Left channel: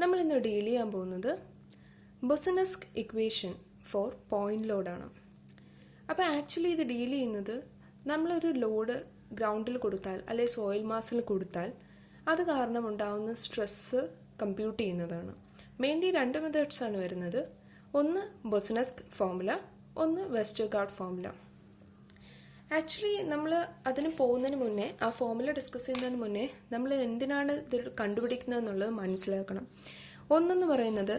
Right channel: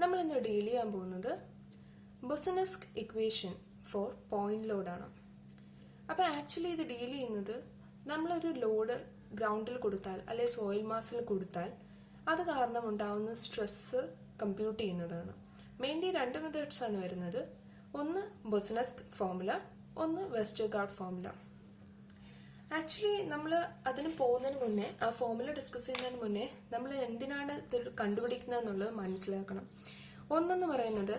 നമ്മൾ ഇന്ന് ഡീൽ ചെയ്യാൻ പോകുന്നത് ബൊസനസ്ക് ഇക്വേഷൻ ഫോർ പോയിന്റ് ലോഡാണ്. അപ്പോൾ ആക്ച്വലി ഇത് ഡീൽ ചെയ്യുന്നത് നമ്മളൊരു ലോഡ് ഗ്രൗണ്ടിൽ കൊടുത്താൽ അല്ലെങ്കിൽ സോയിൽ മാസിൽ കൊടുത്താൽ അത് കാരണം ഉണ്ടാകുന്ന സ്ട്രെസ്സ് കമ്പ്യൂട്ട് ചെയ്യുന്നതാണ്. മെയിൻലി രണ്ട് മെത്തേഡ്സ് ആണ് വരുന്നത്. ഒന്ന് ബൊസനസ്ക് ഫോർമുല, ഒന്ന് വെസ്റ്റർഗാർഡ് ഫോർമുല. ആക്ച്വലി നമ്മൾ അതിന് പോകുന്നതിന് മുന്നേ, ആ ഫോർമുല ഡിസ്കസ് ചെയ്യുന്നതിന് മുന്നേ നമ്മൾ എന്തിനാണ് ഇത് കണ്ടുപിടിക്കുന്നത് എന്നുള്ളത് മനസ്സിലാക്കണം. ഒന്നെന്ന് പറയുന്നത്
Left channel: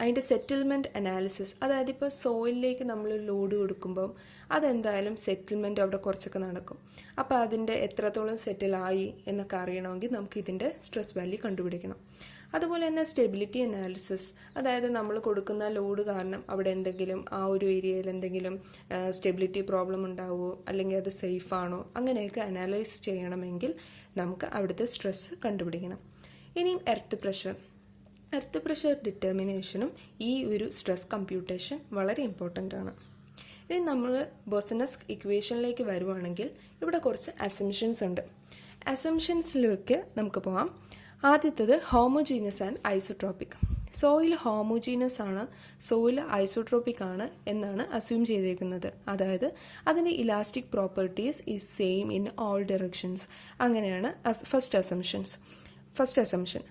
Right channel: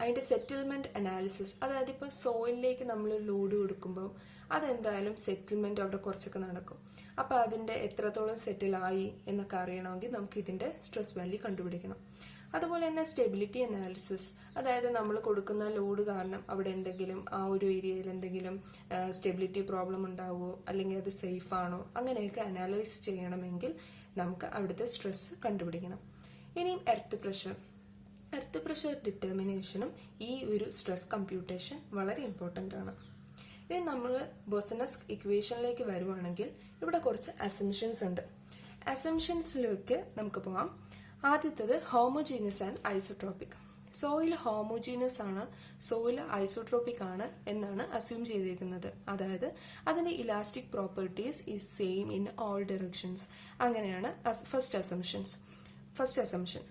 അതിൻ്റെ സെറ്റിൽമെൻറ്റ് അനാലിസിസ്. അതായത് ഇപ്പോൾ സോയിലിലേക്ക് നമ്മൾ ലോഡ് കൊടുക്കുമ്പോൾ അതെന്തായാലും സെറ്റിൽമെൻറ്റ് അവിടെ കുറച്ചൊക്കെ നടക്കും. അപ്പോൾ അതിൻ്റെ എത്രത്തോളം സെറ്റിലായി എന്നൊക്കെ അറിയണമെങ്കിൽ നമുക്ക് ഇതിൻ്റെ സ്ട്രെസ് വാല്യൂ കണ്ടുപിടിക്കണം. അതുപോലെ തന്നെ സ്റ്റെബിലിറ്റി അനാലിസിസ്, അതായത് നമ്മൾ കൊടുക്കുന്ന ലോഡ് കാരണം അവിടെ എന്തെങ്കിലും ആ ഒരു ഏരിയയിൽ എന്തെങ്കിലും സ്റ്റെബിലിറ്റി പ്രോബ്ലം ഉണ്ടാവുമോ, അല്ലെങ്കിൽ അത് സേഫ് ആണോ, അങ്ങനെയൊക്കെ അനാലൈസ് ചെയ്യണമെങ്കിൽ നമുക്ക് അവിടുത്തെ സ്ട്രെസ് കണ്ടുപിടിക്കണം. ഇനിയും എർത്ത് പ്രഷർ ഡിറ്റർമിനേഷനും ഈ ഒരു സ്ട്രെസ് കമ്പ്യൂട്ടേഷൻ വളരെ ഇമ്പോർട്ടൻ്റ് ആണ്. ഇനി നമ്മൾ ബൊസനസ്ക് ഇക്വേഷനിലേക്ക് വരുവാണെങ്കിൽ ഇവിടെ കുറച്ച് അസംഷൻസ് ഉണ്ട്. അസംഷൻസിലേക്ക് നമുക്ക് പോകാം. ആദ്യത്തേത് homogeneous and isotropic. Soil homogeneous ആണ്, സോയിൽ ഐസോട്രോപിക് ആണ് എന്നാണ് അസ്യൂം ചെയ്തേക്കുന്നത്. അതായത് അതിൻ്റെ elastic properties is same in all directions. അങ്ങനെയാണ് ഫസ്റ്റ് അസംഷൻ.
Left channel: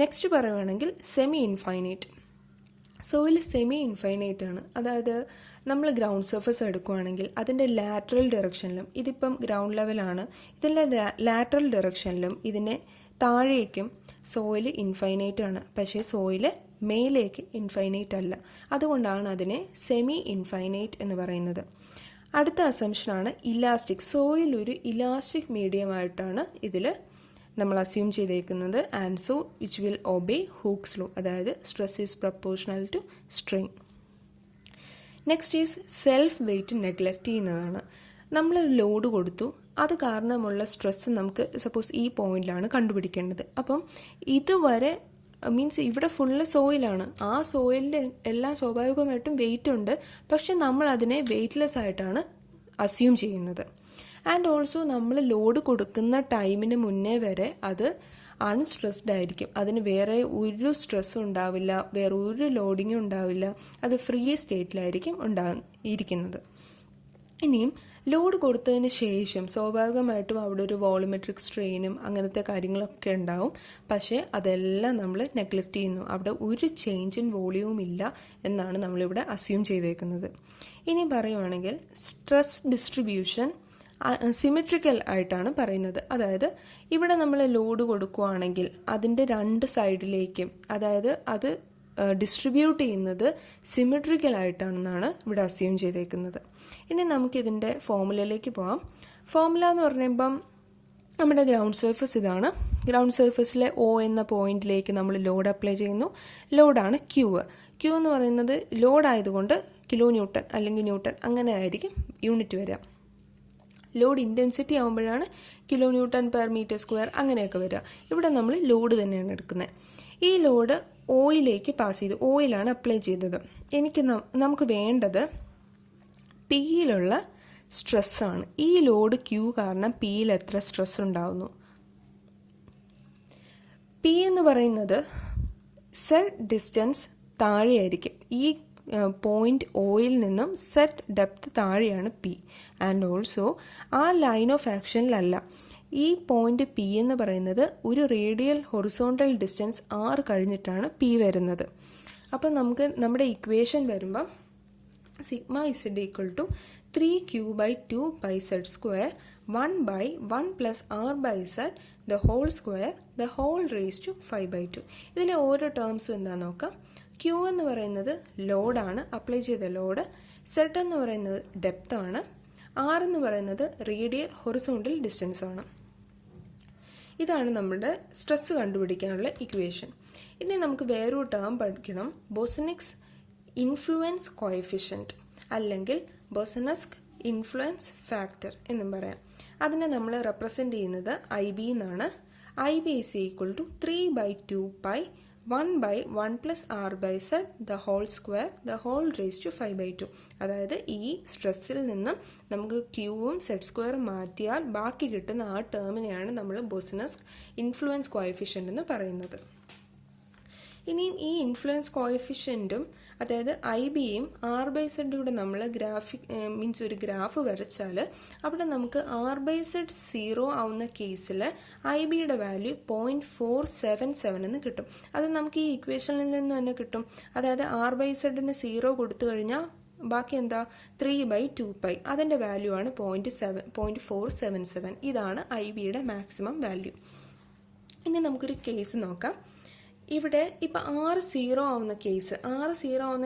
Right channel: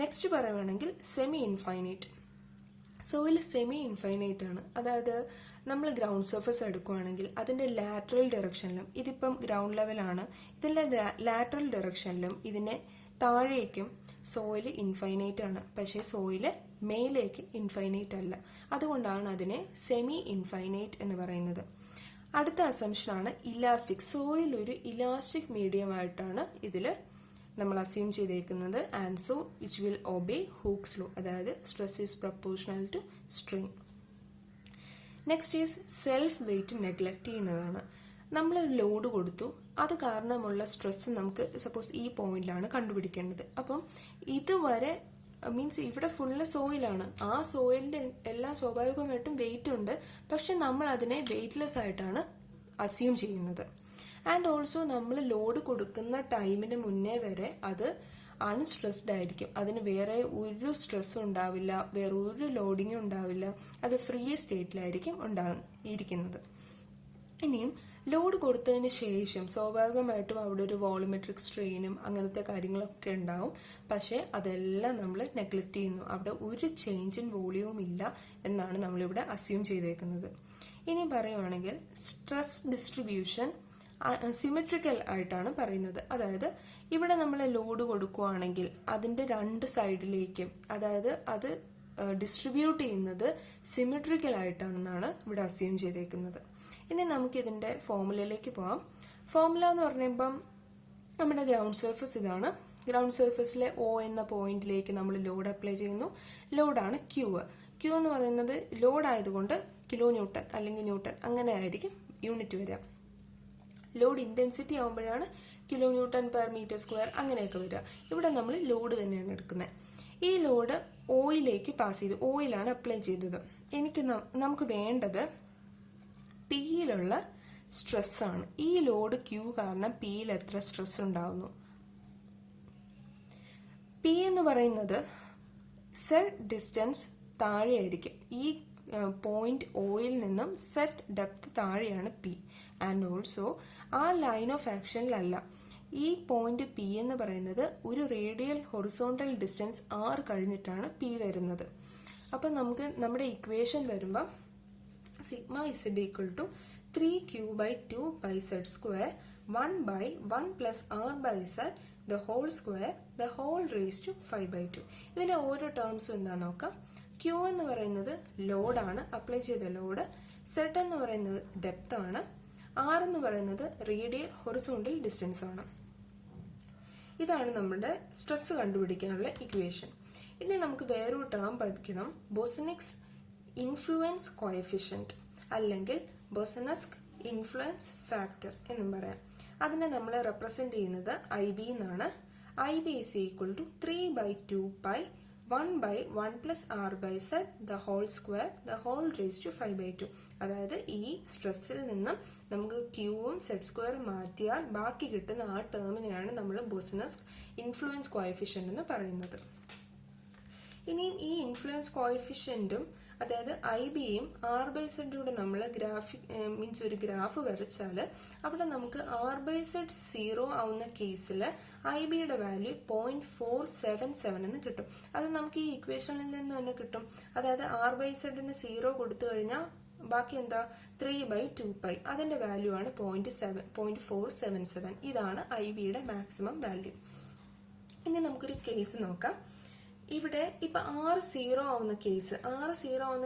നെക്സ്റ്റ് പറയുകയാണെങ്കിൽ semi infinite. Soil semi infinite ആണ്. അതായത് നമ്മൾ ഗ്രൗണ്ട് സർഫസ് എടുക്കുകയാണെങ്കിൽ അതിൻ്റെ ലാറ്ററൽ ഡയറക്ഷനിലും, ഇതിപ്പം ഗ്രൗണ്ട് ലെവലാണ്, ഇതിൻ്റെ ലാറ്ററൽ ഡയറക്ഷനിലും ഇതിനെ താഴേക്കും സോയിൽ ഇൻഫൈനൈറ്റ് ആണ്. പക്ഷേ സോയിൽ മേലേക്ക് ഇൻഫൈനൈറ്റ് അല്ല. അതുകൊണ്ടാണ് അതിനെ സെമി ഇൻഫൈനൈറ്റ് എന്ന് പറയുന്നത്. അടുത്ത അസംഷനാണ് ഇലാസ്റ്റിക്. സോയിൽ ഒരു ഇലാസ്റ്റിക് മീഡിയമായിട്ടാണ് ഇതിൽ നമ്മൾ അസ്യൂം ചെയ്തേക്കുന്നത്. And so which will obey Hooke's law, അതായത് stress is proportional to strain. Next is self weight neglect ചെയ്യുന്നതാണ്. നമ്മൾ ലോഡ് കൊടുത്തു, അത് കാരണമുള്ള സ്ട്രെസ് നമുക്ക് സപ്പോസ് ഈ പോയിന്റിലാണ് കണ്ടുപിടിക്കേണ്ടത്. അപ്പം ഇതുവരെ മീൻസ് ഇവിടെ ഫുള്ള് സോയിലാണ്, ആ സോയിലിൻ്റെ എല്ലാം സ്വാഭാവികമായിട്ടും വെയിറ്റ് ഉണ്ട്, പക്ഷെ നമ്മൾ അതിനെ വെയ്റ്റ്ലെസ് ആയിട്ടാണ് അസ്യൂം ചെയ്യുന്നത്. ആൻഡ് ഓൾസോ നമ്മൾ ലോഡ് കൊടുക്കുന്ന ടൈമിന് മുന്നേ വരെ അത് അൺസ്ട്രെസ്ഡ് ആയിരിക്കും. അതിന് വേറെ ഒരു സ്ട്രെസ്സും ഉണ്ടാവില്ല, വേറെ ഒരു ലോഡിങ്ങും ഉണ്ടാവില്ല. അത് ഫ്രീ സ്റ്റേറ്റിലായിരിക്കും ഇരിക്കുന്നത്. ഇനിയും ലോഡ് കൊടുത്തതിന് ശേഷം സ്വാഭാവികമായിട്ടും അവിടെ ഒരു വോളിമെട്രിക് സ്ട്രെയിനും അങ്ങനത്തെ കാര്യങ്ങളൊക്കെ ഉണ്ടാവും. പക്ഷേ അതെല്ലാം നമ്മൾ നെഗ്ലക്റ്റ് ചെയ്യുന്നു. അവിടെ ഒരു ചേഞ്ച് ഇൻ വോളിയവും ഇല്ല എന്നാണ് നമ്മളിവിടെ അസ്യൂം ചെയ്തേക്കുന്നത്. ഇനി പറയുവാണെങ്കിൽ സ്ട്രെസ് ഡിസ്ട്രിബ്യൂഷൻ സിമെട്രിക്കൽ ആയിട്ടാണ് പറയുന്നത്. അതായത് ഇവിടെ നമ്മൾ ലോഡ് കൊടുക്കുകയാണെങ്കിൽ അതിൻ്റെ രണ്ട് സൈഡിലേക്കും, അതായത് അത് ഡിസ്ട്രിബ്യൂട്ട് ചെയ്യുന്നത് സിമെട്രിക്കൽ ആയിട്ടാണെന്നാണ് ഇവിടെ അസ്യൂം ചെയ്തേക്കുന്നത്. ഇനി നമുക്കിതിൻ്റെ ഫോർമുലയിലേക്ക് പോകാം. ഫോർമുല എന്ന് പറയുമ്പം നമ്മുടെ ഗ്രൗണ്ട് സർഫസ് ഇതാണ്. ഗ്രൗണ്ട് സർഫസിലെ ഒ എന്ന പോയിന്റിലേക്ക് നമ്മൾ ലോഡ് അപ്ലൈ ചെയ്യുന്നു. ലോഡാണ് ക്യൂ എന്ന് പറയുന്നത്. ലോഡ് ആയതുകൊണ്ട് കിലോ ന്യൂട്ടൺ അല്ലെങ്കിൽ ന്യൂട്ടൺ അങ്ങനെ ആയിരിക്കും യൂണിറ്റ് വരിക. ലോഡ് ഇൻറ്റൻസിറ്റി ആകുമ്പോഴാണ് kilo newton per metre square അങ്ങനെയൊക്കെ വരിക. ഇവിടെ നമ്മൾ ലോഡ് തന്നെയാണ് എടുക്കുന്നത്. ഈ ലോഡ് ഓയിലേക്ക് പാസ് ചെയ്തു, ഓയിലാണ് അപ്ലൈ ചെയ്തത്. നമുക്ക് വേണ്ടത് പിയിലുള്ള സ്ട്രെസ്സാണ്. ഈ ലോഡ് ക്യൂ കാരണം പിയിൽ എത്ര സ്ട്രെസ് ഉണ്ടാകുന്നു. പി എന്ന് പറയുന്നത് സെറ്റ് ഡിസ്റ്റൻസ് താഴെയായിരിക്കും. ഈ പോയിന്റ് ഓയിൽ നിന്നും സെറ്റ് ഡെപ്ത് താഴെയാണ് പി. ആൻഡ് ഓൾസോ ആ ലൈൻ ഓഫ് ആക്ഷനിലല്ല. ഈ പോയിന്റ് പി എന്ന് പറയുന്നത് ഒരു റേഡിയൽ ഹൊറിസോണ്ടൽ ഡിസ്റ്റൻസ് ആർ കഴിഞ്ഞിട്ടാണ് പി വരുന്നത്. അപ്പം നമുക്ക് നമ്മുടെ ഇക്വേഷൻ വരുമ്പം sigma Z equal to 3q/2 by z square 1/1 plus r by z the whole square the whole raised to 5/2. ഇതിലെ ഓരോ ടേംസും എന്താണെന്ന് നോക്കാം. ക്യൂ എന്ന് പറയുന്നത് ലോഡാണ്, അപ്ലൈ ചെയ്ത ലോഡ്. സെഡ് എന്ന് പറയുന്നത് ഡെപ്ത് ആണ്. ആർ എന്ന് പറയുന്നത് റേഡിയൽ ഹൊറിസോണ്ടൽ ഡിസ്റ്റൻസ് ആണ്. ഇതാണ് നമ്മുടെ സ്ട്രെസ് കണ്ടുപിടിക്കാനുള്ള ഇക്വേഷൻ. ഇനി നമുക്ക് വേറൊരു ടേം പഠിക്കണം, ബൊസനിക്സ് ഇൻഫ്ലുവൻസ് കോഎഫിഷ്യൻറ്റ് അല്ലെങ്കിൽ ബൊസനസ്ക് ഇൻഫ്ലുവൻസ് ഫാക്ടർ എന്നും പറയാം. അതിനെ നമ്മൾ റെപ്രസെൻറ്റ് ചെയ്യുന്നത് IB എന്നാണ്. IB is equal to 3/2 pi 1/1 plus r by z the whole square the whole raised to 5/2. അതായത് ഈ സ്ട്രെസ്സിൽ നിന്നും നമുക്ക് ക്യൂവും സെഡ് സ്ക്വയറും മാറ്റിയാൽ ബാക്കി കിട്ടുന്ന ആ ടേമിനെയാണ് നമ്മൾ ബൊസനസ്ക് ഇൻഫ്ലുവൻസ് കോഎഫിഷ്യൻ്റ് എന്ന് പറയുന്നത്. ഇനിയും ഈ ഇൻഫ്ലുവൻസ് കോഎഫിഷ്യൻറ്റും അതായത് ഐ ബിയും ആർ ബൈ സെഡും കൂടെ നമ്മൾ ഒരു ഗ്രാഫ് വരച്ചാൽ അവിടെ നമുക്ക് ആർ ബൈ സെഡ് 0 ആവുന്ന കേസിൽ ഐ ബിയുടെ വാല്യൂ 0.477 എന്ന് കിട്ടും. അത് നമുക്ക് ഈ ഇക്വേഷനിൽ നിന്ന് തന്നെ കിട്ടും. അതായത് ആർ ബൈ സെഡിന് 0 കൊടുത്തു കഴിഞ്ഞാൽ ബാക്കി എന്താ 3/2π, അതിൻ്റെ വാല്യൂ ആണ് 0.477. ഇതാണ് ഐ ബിയുടെ മാക്സിമം വാല്യൂ. ഇനി നമുക്കൊരു കേസ് നോക്കാം. ഇവിടെ ഇപ്പം 6 ആവുന്ന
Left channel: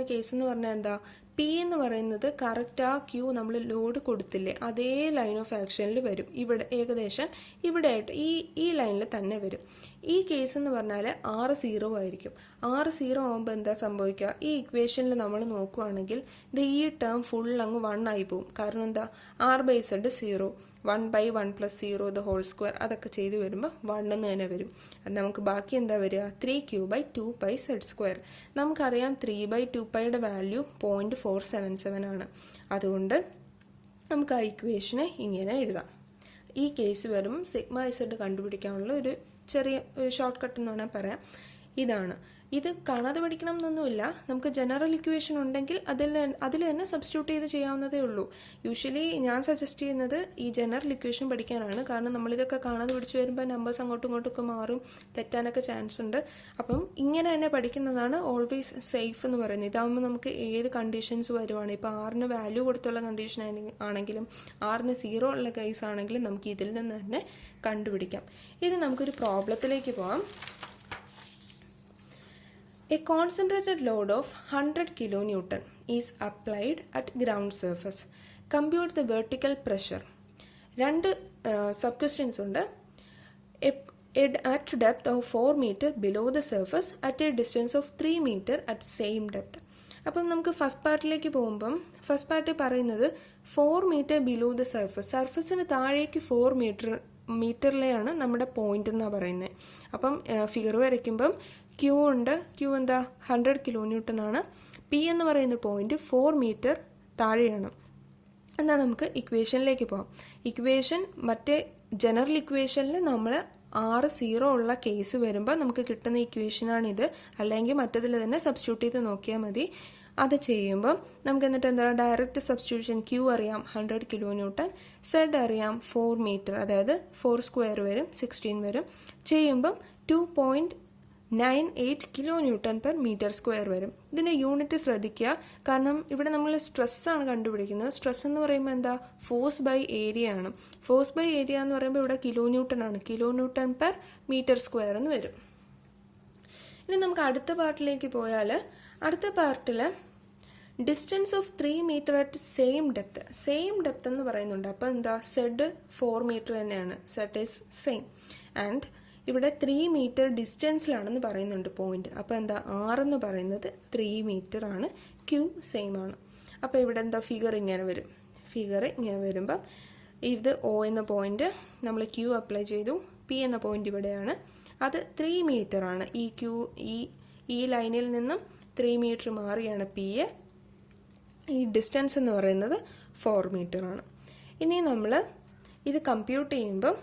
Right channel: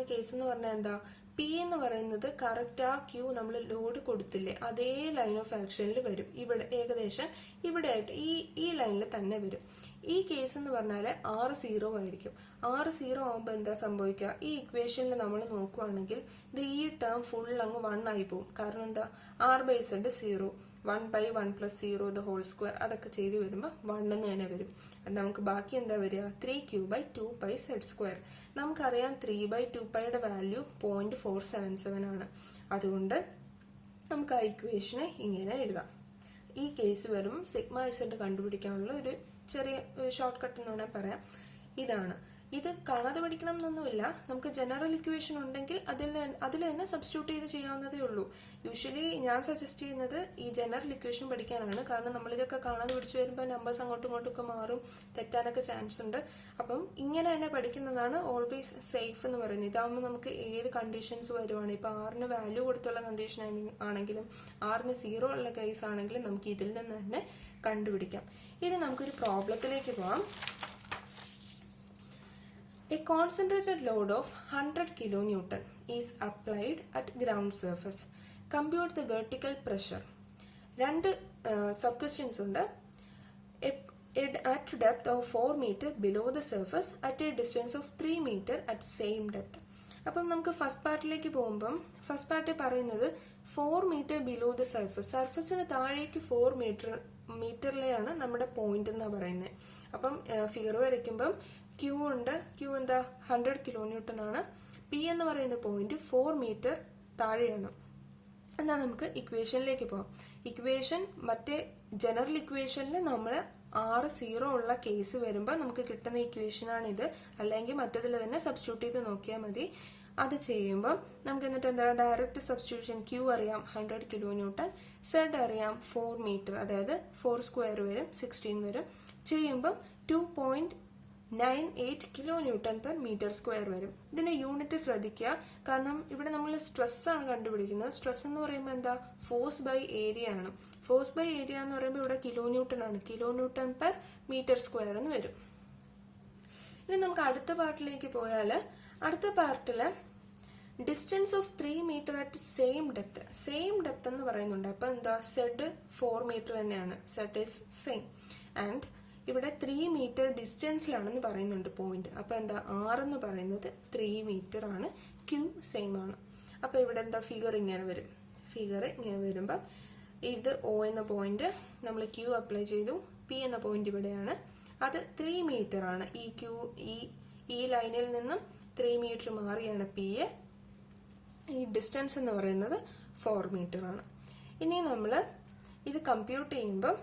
കേസ് എന്ന് പറഞ്ഞാൽ എന്താ, പി എന്ന് പറയുന്നത് കറക്റ്റ് ആ ക്യൂ നമ്മൾ ലോഡ് കൊടുത്തില്ലേ അതേ ലൈൻ ഓഫ് ആക്ഷനിൽ വരും. ഇവിടെ ഏകദേശം ഇവിടെ ആയിട്ട് ഈ ലൈനിൽ തന്നെ വരും. ഈ കേസ് എന്ന് പറഞ്ഞാൽ 6 ആയിരിക്കും. 6 ആകുമ്പോൾ എന്താ സംഭവിക്കുക, ഈ ഇക്വേഷനിൽ നമ്മൾ നോക്കുവാണെങ്കിൽ ഈ ടേം ഫുൾ അങ്ങ് 1 ആയി പോകും. കാരണം എന്താ, R by Z 0, 1/1 + 0 the whole square അതൊക്കെ ചെയ്ത് വരുമ്പോൾ 1 എന്ന് തന്നെ വരും. നമുക്ക് ബാക്കി എന്താ വരിക, 3/2πz². നമുക്കറിയാം 3/2πയുടെ വാല്യൂ 0.477 ആണ്. അതുകൊണ്ട് നമുക്ക് ആ ഇക്വേഷനെ ഇങ്ങനെ എഴുതാം. ഈ കേസ് വരും σz കണ്ടുപിടിക്കാനുള്ള ഒരു ചെറിയ ഷോർട്ട് കട്ട് എന്ന് വേണമെങ്കിൽ പറയാം. ഇതാണ്. ഇത് കാണാതെ പഠിക്കണം എന്നൊന്നുമില്ല. നമുക്ക് ജനറൽ ഇക്വേഷൻ ഉണ്ടെങ്കിൽ അതിൽ തന്നെ സബ്സ്റ്റിറ്റ്യൂട്ട് ചെയ്ത് ചെയ്യാവുന്നതേ ഉള്ളൂ. യൂഷ്വലി ഞാൻ സജസ്റ്റ് ചെയ്യുന്നത് ഈ ജനറൽ ഇക്വേഷൻ പഠിക്കാനാണ്. കാരണം നമ്മളിതൊക്കെ കാണാതെ പഠിച്ചു വരുമ്പോൾ നമ്പേഴ്സ് അങ്ങോട്ടും ഇങ്ങോട്ടൊക്കെ മാറും, തെറ്റാനൊക്കെ ചാൻസ് ഉണ്ട്. അപ്പം ഇങ്ങനെ തന്നെ പഠിക്കുന്നതാണ് ഓൾവേസ് സേഫ് എന്ന് പറയുന്നത്. ഇതാകുമ്പോൾ നമുക്ക് ഏത് കണ്ടീഷൻസ് വരുവാണ്, ഇപ്പോൾ ആറിന് വാല്യൂ കൊടുത്തുള്ള കണ്ടീഷൻ ആണെങ്കിലും ആറിന് 0 ഉള്ള കേസ് ആണെങ്കിലും നമുക്ക് ഇതിൽ നിന്ന് തന്നെ കണ്ടുപിടിക്കാം. ഇനി നമുക്കൊരു പ്രോബ്ലത്തിലേക്ക് പോകാം. A concentrated load of 100 kN is applied at ground surface. Compute the vertical pressure. രണ്ട് സബ് ക്വസ്റ്റ്യൻസ് ഉണ്ട്. At depth of 4 meter below the surface at a distance of 3 meter at same depth. അപ്പം നമുക്ക് first പാർട്ടിലേക്ക് പോകുമ്പം first party പറയുന്നത് 4 meter below the surface, സർഫസിന് താഴേക്ക് 4 മീറ്ററിലെയാണ് നമ്മുടെ point എന്നാണ് പറയുന്നത്. അപ്പം ഫിഗർ വരയ്ക്കുമ്പം ക്യൂ ഉണ്ട്. ക്യൂ എന്താ 100 kN ആണ്. പി എന്ന് പറയുന്ന പോയിന്റ് 4 മീറ്റർ താഴെയാണ്. എന്നാൽ നമുക്ക് ഇക്വേഷനിലേക്ക് പോകാം. ഇക്വേഷൻ മറ്റേ ജനറൽ ഇക്വേഷനിൽ നമ്മൾ 6 ഉള്ള കേസ് വരുമ്പോൾ നമുക്ക് കിട്ടുന്ന ഇക്വേഷനാണിത്. അല്ലെങ്കിൽ മറ്റതിൽ തന്നെ സബ്സ്റ്റിറ്റ്യൂട്ട് ചെയ്ത് നോക്കിയാൽ മതി. അത് ചെയ്യുമ്പോൾ നമുക്ക് എന്നിട്ട് എന്താ ഡയറക്റ്റ് സബ്സ്റ്റിറ്റ്യൂഷൻ. ക്യൂ അറിയാം 100 kN, സെഡ് അറിയാം 4 മീറ്റർ, അതായത് 4² വരും 16 വരും. ചെയ്യുമ്പം 2.98 kN/m² വരും. ഇതിൻ്റെ യൂണിറ്റ് ശ്രദ്ധിക്കുക. കാരണം ഇവിടെ നമ്മൾ സ്ട്രെസ്സാണ് കണ്ടുപിടിക്കുന്നത്. സ്ട്രെസ് എന്ന് പറയുമ്പോൾ എന്താ, ഫോഴ്സ് ബൈ ഏരിയ ആണ്. ഫോഴ്സ് ബൈ ഏരിയ എന്ന് പറയുമ്പോൾ ഇവിടെ kN ആണ്. kN/m² എന്ന് വരും. ഇനി നമുക്ക് അടുത്ത പാർട്ടിലേക്ക് പോയാൽ അടുത്ത പാർട്ടിൽ distance of 3 metre at same depth എന്ന് പറയുന്നുണ്ട്. അപ്പോൾ എന്താ, സെഡ് 4 മീറ്റർ തന്നെയാണ്. Z is same. ആൻഡ് ഇവിടെ 3 മീറ്റർ ഡിസ്റ്റൻസിലാണെന്ന് പറയുന്നുണ്ട് പോയിന്റ്. അപ്പോൾ എന്താ, ആർ എന്ന് പറയുന്നത് 3 മീറ്റർ ആണ്. ക്യൂ സെയിം ആണ്. അപ്പോൾ ഇവിടെ എന്താ ഫിഗർ ഇങ്ങനെ വരും. ഫിഗർ ഇങ്ങനെ വരുമ്പം ഇത് ഒ എന്ന പോയിന്റ് നമ്മൾ ക്യൂ അപ്ലൈ ചെയ്തു. പി എന്ന പോയിന്റ് ഇവിടെയാണ്. അത് 3 മീറ്റർ ആണ്. ഈ ലൈനിൽ നിന്നും 3 മീറ്റർ മാറിയാണ് പി എ. ഈ ഡിസ്റ്റൻസ് എന്ന് പറയുന്നത് 4 മീറ്റർ ആണ്. ഇനി നമ്മൾ ഇത് കമ്പ്യൂട്ട് ചെയ്യുമ്പോൾ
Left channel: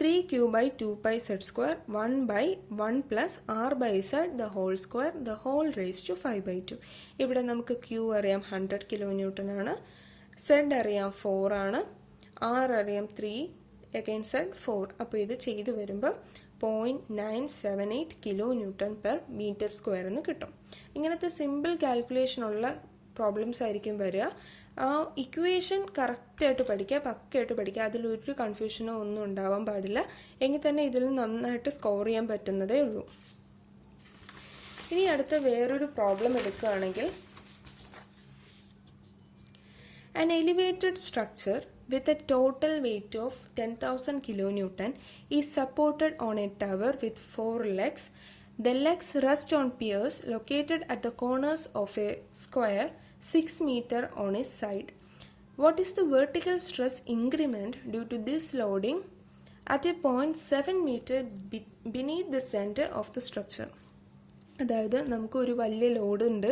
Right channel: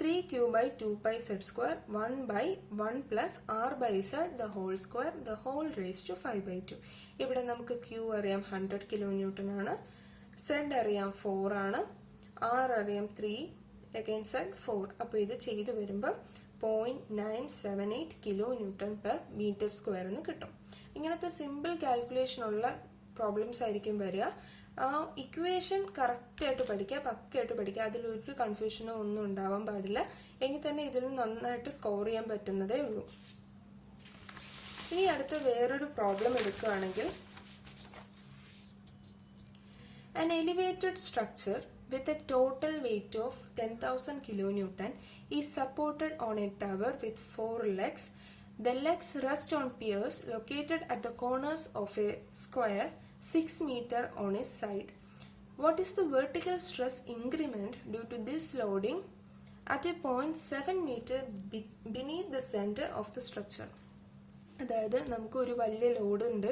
3q/2πz², 1/1 + r/z the whole square the whole raised to 5/2. ഇവിടെ നമുക്ക് q അറിയാം 100 kN ആണ്, z അറിയാം 4 ആണ്, r അറിയാം 3, again z 4. അപ്പോൾ ഇത് ചെയ്ത് വരുമ്പോൾ 0.978 kN/m² എന്ന് കിട്ടും. ഇങ്ങനത്തെ സിമ്പിൾ കാൽക്കുലേഷൻ ഉള്ള പ്രോബ്ലംസ് ആയിരിക്കും വരിക. ആ ഇക്വേഷൻ കറക്റ്റായിട്ട് പഠിക്കുക, പക്കയായിട്ട് പഠിക്കുക. അതിലൊരു കൺഫ്യൂഷനോ ഒന്നും ഉണ്ടാവാൻ പാടില്ല. എങ്കിൽ തന്നെ ഇതിൽ നന്നായിട്ട് സ്കോർ ചെയ്യാൻ പറ്റുന്നതേ ഉള്ളൂ. ഇനി അടുത്ത വേറൊരു പ്രോബ്ലം എടുക്കുകയാണെങ്കിൽ, an elevated structure with a total weight of 10,000 kN is supported on a tower with 4 legs. The legs rest on piers located at the corners of a square 6 meter on a side. What is the vertical stress increment due to this loading at a point 7 meter beneath the center of the structure? അതായത് നമുക്കൊരു വലിയ load ഉണ്ട്.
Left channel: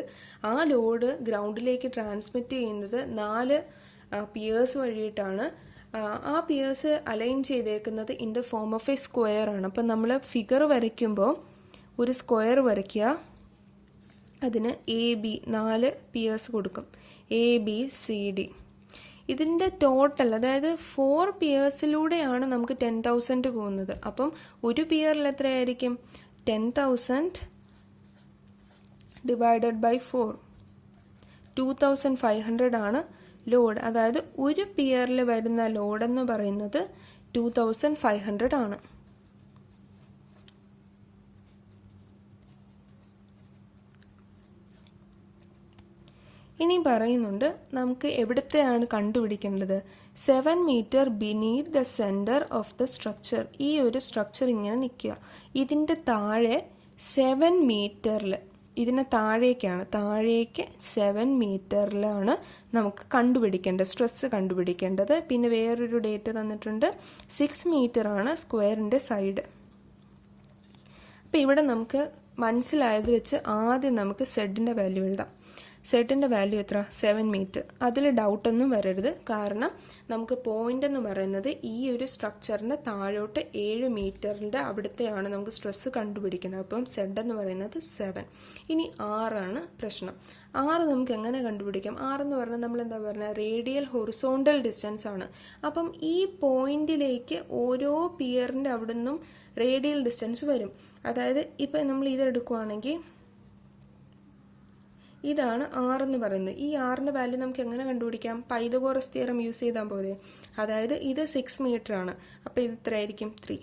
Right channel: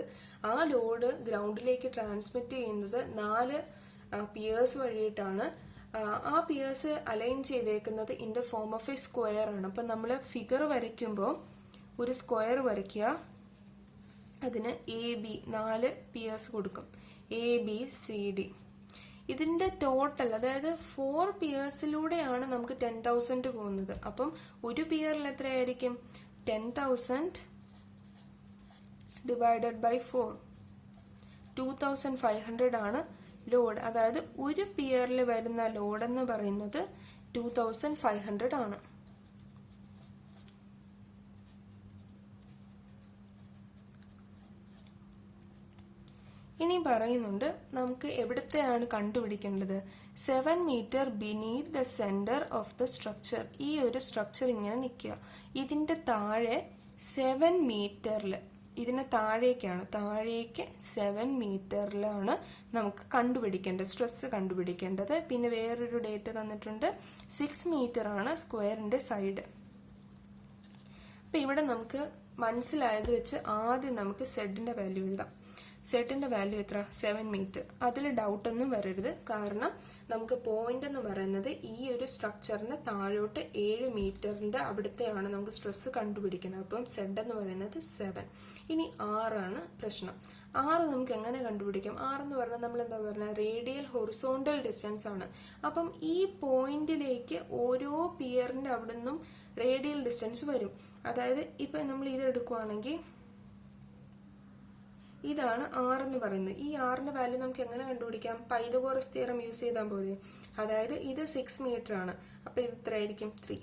ആ load ഗ്രൗണ്ടിലേക്ക് transmit ചെയ്യുന്നത് 4 Pierce വഴിയിട്ടാണ്. ആ Pierce align ചെയ്തേക്കുന്നത് in the form of A square ആണ്. അപ്പം നമ്മൾ ഫിഗർ വരയ്ക്കുമ്പോൾ ഒരു സ്ക്വയർ വരയ്ക്കുക. അതിന് എ ബി 4 പിയേഴ്സ് കൊടുക്കും. A B C D. ഇതിൻ്റെ ടോട്ടൽ, അതായത് 4 പിയേഴ്സിലൂടെയാണ് നമുക്ക് 10,000 പോകുന്നത്. അപ്പം ഒരു പിയറിൽ എത്രയായിരിക്കും? 10,000 ഡിവൈഡഡ് ബൈ 4, 2,500 ആണ് ലോഡ്. അതായത് ഒരു പിയറിൽ വരുന്ന ലോഡ് എന്ന് പറയുന്നത് 2,500 ആണ്. ഇനി പറയുന്നുണ്ട് നമുക്ക് എവിടത്തെയാണ് കണ്ടുപിടിക്കേണ്ടത്. 7 metre beneath the centre of the structure. ഈ ഒരു സ്ട്രക്ചർ ഇങ്ങനെ നിൽക്കുക. ഇതിൻ്റെ താഴെ 7 മീറ്ററിൽ, ഇതിന് താഴേക്ക് 7 മീറ്ററിലാണ് നമുക്ക് കണ്ടുപിടിക്കേണ്ടത്, സ്ട്രെസ് കണ്ടുപിടിക്കേണ്ടത്. പിന്നെ വേറൊരു ഡേറ്റ് തന്നിട്ടുണ്ട്. 6 മീറ്റർ ആണ് സ്ക്വയറിൻ്റെ സൈഡ്. അപ്പം ഇവിടെ നമുക്ക് മനസ്സിലായത് വെച്ച് ആദ്യം നമുക്ക് സെഡിൻ്റെ വാല്യൂ എഴുതാം. സെഡിൻ്റെ വാല്യൂ എത്ര? 7 മീറ്റർ. അതിൽ ഡൗട്ടൊന്നും വരരുത്. കാരണം നമുക്ക് പോയിന്റ് എന്ന് പറയുന്നത് ഈ ഒരു സ്ട്രക്ചറിൻ്റെ താഴോട്ട് 7 മീറ്ററിൻ്റെ അവിടുത്തെയാണ് നമുക്ക് സ്ട്രെസ് കണ്ടുപിടിക്കുന്നത്. അപ്പം സെഡ് എന്ന് പറയുന്നത് 7. ഇനി 6 ആണ് പ്രശ്നം. 6 നമുക്ക് എങ്ങനെ കണ്ടുപിടിക്കാം? 6 എന്ന് പറഞ്ഞാൽ നമ്മൾ എന്താ പറഞ്ഞാൽ റേഡിയൽ ഹൊറിസോണ്ടൽ ഡിസ്റ്റൻസ് ആണ്. അപ്പം ഈ പോയിന്റിലേക്ക് ഓരോ പിയറിൻ്റെ അവിടെ നിന്നും റേഡിയൽ ഡിസ്റ്റൻസ് വരും. അതായത് ഇപ്പം നമ്മൾ ഇതെടുക്കുവാണെങ്കിൽ ഇതാണ് 6 എന്ന് പറയുന്നത്. ഈ 6ന്റെ വാല്യൂ നമുക്ക് എങ്ങനെ കണ്ടുപിടിക്കാം? പൈതഗോറസ് തിയറം യൂസ് ചെയ്താൽ പോലെ. അതായത് ഇത് 6 മീറ്റർ ആണ്. അപ്പോൾ ഇത് എത്ര ആയിരിക്കും? 3.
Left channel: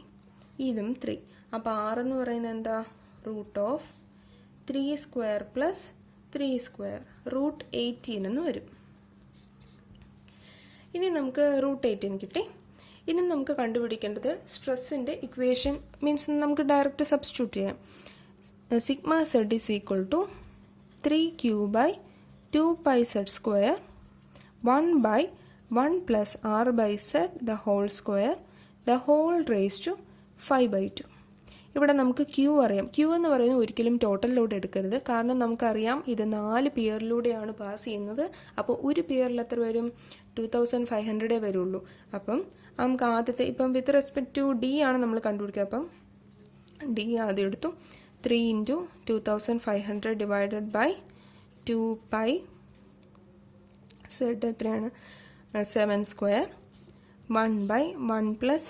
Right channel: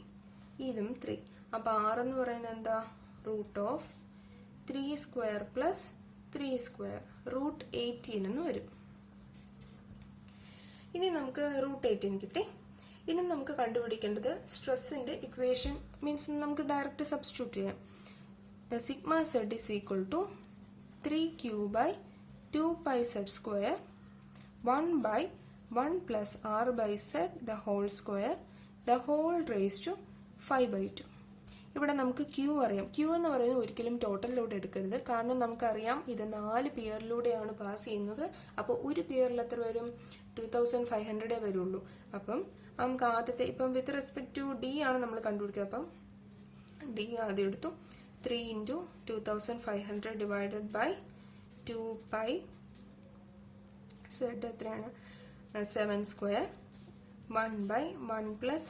ഇതും 3. അപ്പോൾ 6 എന്ന് പറയുന്നത് എന്താ? √3² + 3² √18 എന്ന് വരും. ഇനി നമുക്ക് √18 കിട്ടി. ഇനി നമുക്ക് കണ്ടുപിടിക്കേണ്ടത് സ്ട്രെസ്സിന്റെ ഇക്വേഷൻ. മീൻസ് നമുക്ക് ഡയറക്റ്റ് സബ്സ്റ്റിറ്റ്യൂട്ട് ചെയ്യാം. Sigma z = 3q by 2πz², 1 by 1 plus r by z the whole square, the whole raised to 5/2. ഇവിടെ നമുക്ക് ക്യൂ അറിയാം. ക്യൂ എന്ന് പറയുന്നത് ഒരിക്കലും ടോട്ടൽ ലോഡ് എടുക്കരുത്. കാരണം നമുക്കറിയാം ഇത് 4 പിയറിലൂടെയാണ് പാസ് ചെയ്യുന്നത്. അപ്പോൾ ഒരു പിയറിൽ എത്ര വരും? 2,500 വരുള്ളൂ. അപ്പം നമുക്ക് ആദ്യത്തെ, ഇപ്പം വിത്ത് റെസ്പെക്ട് ടു ഡി ആണ് നമ്മൾ കണ്ടുപിടിക്കുക. അപ്പം ഡി ആദ്യം എടുത്തു. 3 × 2,500 ഡിവൈഡഡ് ബൈ 2π. സെഡ് എത്രയാണ്? 7². 1 by 1 plus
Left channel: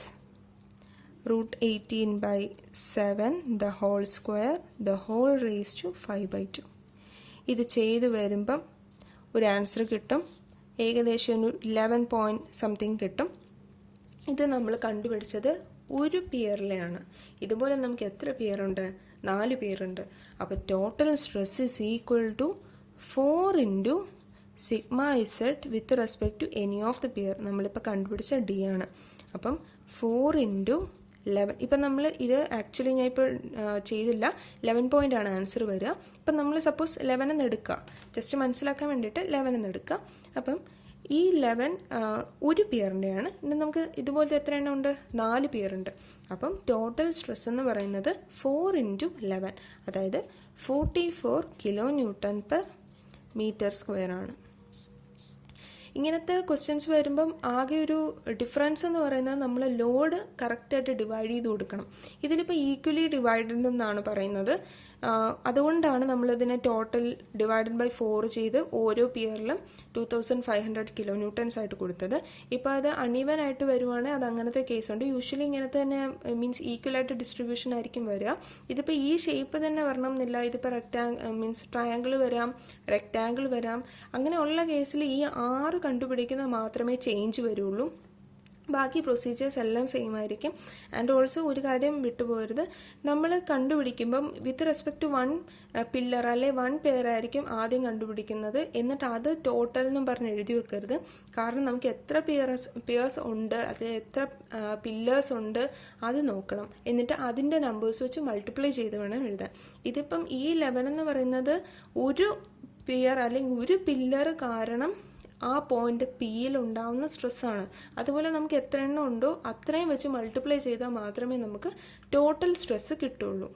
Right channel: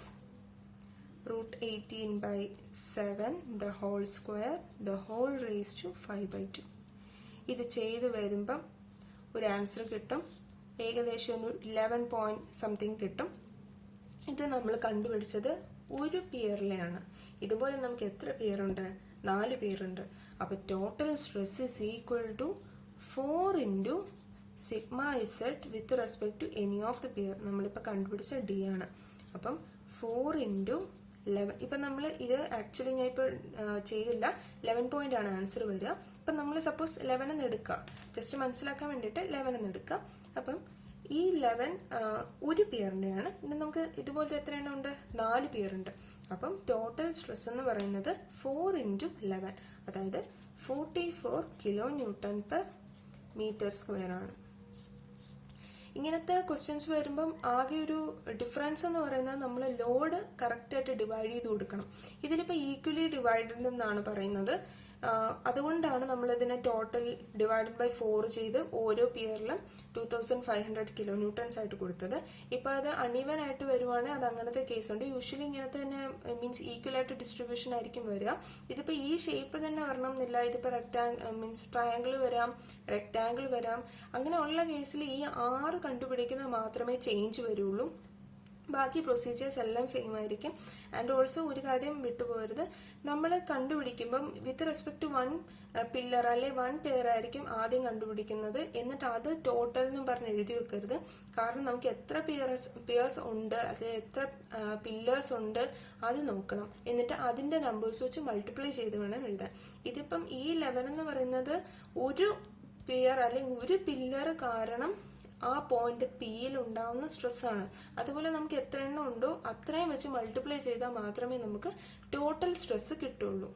√18/7 the whole square, the whole raised to 5/2. ഇത് ചെയ്ത് വരുമ്പം ഒരു ആൻസർ കിട്ടും. ഏകദേശം ഒരു 11 point സംതിങ് കിട്ടും. ഇത് നമ്മൾ കണ്ടുപിടിച്ചത് ഒരു പിയറിലെയാണ്. ഇതുപോലെ നമുക്ക് എത്ര പിയറുണ്ട്? 4 പേരുണ്ട്. അപ്പോൾ total stress is equal to 4 × sigma z with respect to any of the pier. നമ്മളിപ്പോൾ കണ്ടുപിടിച്ച ഡി ആണ്. അപ്പം 4 × 11. ഇപ്പം നമ്മൾ ഇത് ആക്ച്വലി ഞാൻ ഇപ്പോൾ ചെയ്തില്ല. 11 point ആണ് ആൻസർ വരിക. ഇപ്പം നമ്മൾ സപ്പോസ് 11 എന്ന് എടുക്കുക. ജസ്റ്റ് മനസ്സിലാക്കാൻ വേണ്ടിയിട്ട് 11 എന്ന് എടുക്കുക. അപ്പം ഈ 11 ഒരു പിയറിൻ്റെയാണ്. ഇനി നമുക്ക് ഇതുപോലത്തെ എത്ര എണ്ണം ഉണ്ട്? 4 പിയറുണ്ട്. അപ്പം ടോട്ടൽ സ്ട്രെസ് എന്ന് പറയുന്നത് 4 × 11, അതായത് 44 kN/m² ആണ്. ഇങ്ങനത്തെ ക്വസ്റ്റ്യൻസ് വരുമ്പം ആകെ ഒരു ഡിഫറൻസ് എന്ന് പറയുന്നത് നമ്മൾ ലോഡ് കറക്റ്റായിട്ട് ഡിവൈഡ് ചെയ്ത് കൊടുക്കണം. ഇതിലിപ്പോൾ ഈക്വലി ഡിവൈഡഡ് എന്നാണ് പറയുന്നത്. അതുകൊണ്ടാണ് നമ്മളിതിനെ ടോട്ടൽ ഡിവൈഡഡ് ബൈ 4 ചെയ്ത് ഓരോ പിയറിലും 2,500 kN ആയിട്ട് കൊടുത്തത്. ഇപ്പോൾ അത് അൺഈവൻ ആയിട്ട് വരുവാണെങ്കിൽ അത് അങ്ങനത്തെ കേസുണ്ട്. യൂഷ്വലി ഇങ്ങനത്തെ തന്നെ മീൻസ് ഈക്വൽ ആയിട്ട് ഡിസ്ട്രിബ്യൂഷൻ ആയിരിക്കും വരിക. ഇതിപ്പോൾ ഈ ഷേപ്പ് തന്നെ വരണം എന്നില്ല. ഇതിപ്പോൾ മീൻസ് ട്രയാങ്കിൾ വരാം, റെക്റ്റാങ്കിൾ വരാം. അങ്ങനെയുള്ള കേസിൽ ഈ 6 കണ്ടുപിടിക്കുന്നത് മാത്രമേ ചേഞ്ച് വരുള്ളൂ. ബാക്കി പ്രൊസീജിയേഴ്സ് എല്ലാം സെയിം ആയിരിക്കും. ആൻഡ് ഓൾസോ ഒരു കാര്യം വിട്ടുപോകരുത്, നമ്മൾ കണ്ടുപിടിക്കുമ്പം വിത്ത് റെസ്പെക്ട് ടു 1 പില്ലർ അല്ലെ 1 പെയർ ആയിരിക്കും ആദ്യം കണ്ടുപിടിക്കുന്നത്. എന്നിട്ട് അത് ടോട്ടൽ എന്നും പറഞ്ഞ് എഴുതി വെക്കരുത്. കാരണം നമുക്ക് എത്ര പിയേഴ്സ് ഉണ്ട്, അല്ലെ എത്ര പില്ലേഴ്സ് ഉണ്ട് അത് നോക്കണം. എന്നിട്ട് അതിൻ്റെ നമ്പേഴ്സ് വെച്ച് മൾട്ടിപ്ലൈ ചെയ്ത് വേണം എഴുതാൻ. ഇതിപ്പം ഈ 11 എന്ന് പറയുന്നത് ഒരു പിയർ അല്ലെങ്കിൽ ഒരു പില്ലർ കാരണം ആ പോയിന്റ് പിയിൽ ഉണ്ടാവുന്ന സ്ട്രെസ്സാണ്. അതുപോലെ നമുക്ക് എത്ര എണ്ണം ഉണ്ടോ അത്രയും വെച്ച് മൾട്ടിപ്ലൈ ചെയ്താൽ മാത്രമേ നമുക്ക് ടോട്ടൽ സ്ട്രെസ് കിട്ടുള്ളൂ.